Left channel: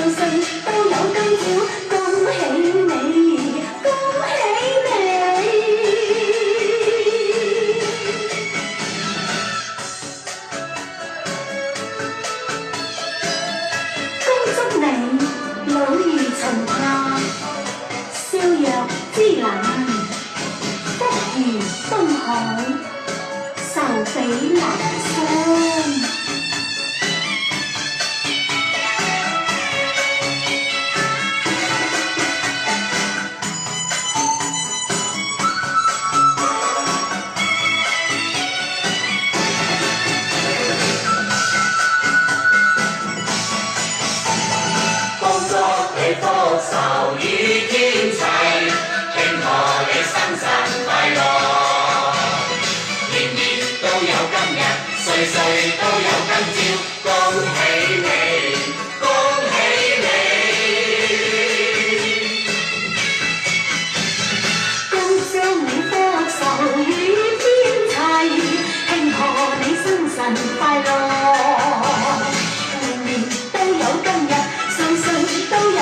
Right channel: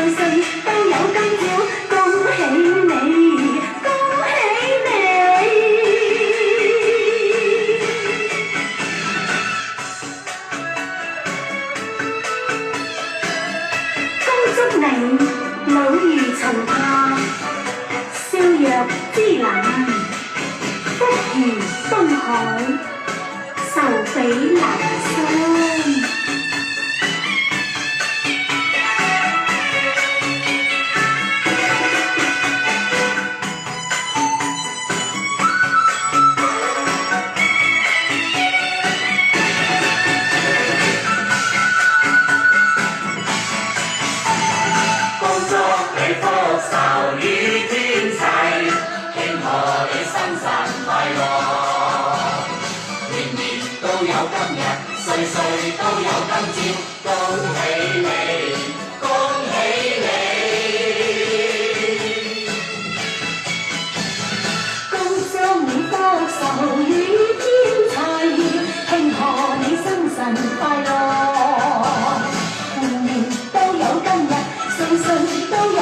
歲歲都有今朝，恭喜你，恭喜你！恭祝你老如陳夏，笑若芝蘭，福如東海，壽比南山。福壽與天齊，慶賀你生辰快樂。年年都有今日，歲歲都有今朝，恭喜你，恭喜你！恭祝你福壽與天齊，慶賀你生辰快樂。年年都有今日，歲歲都有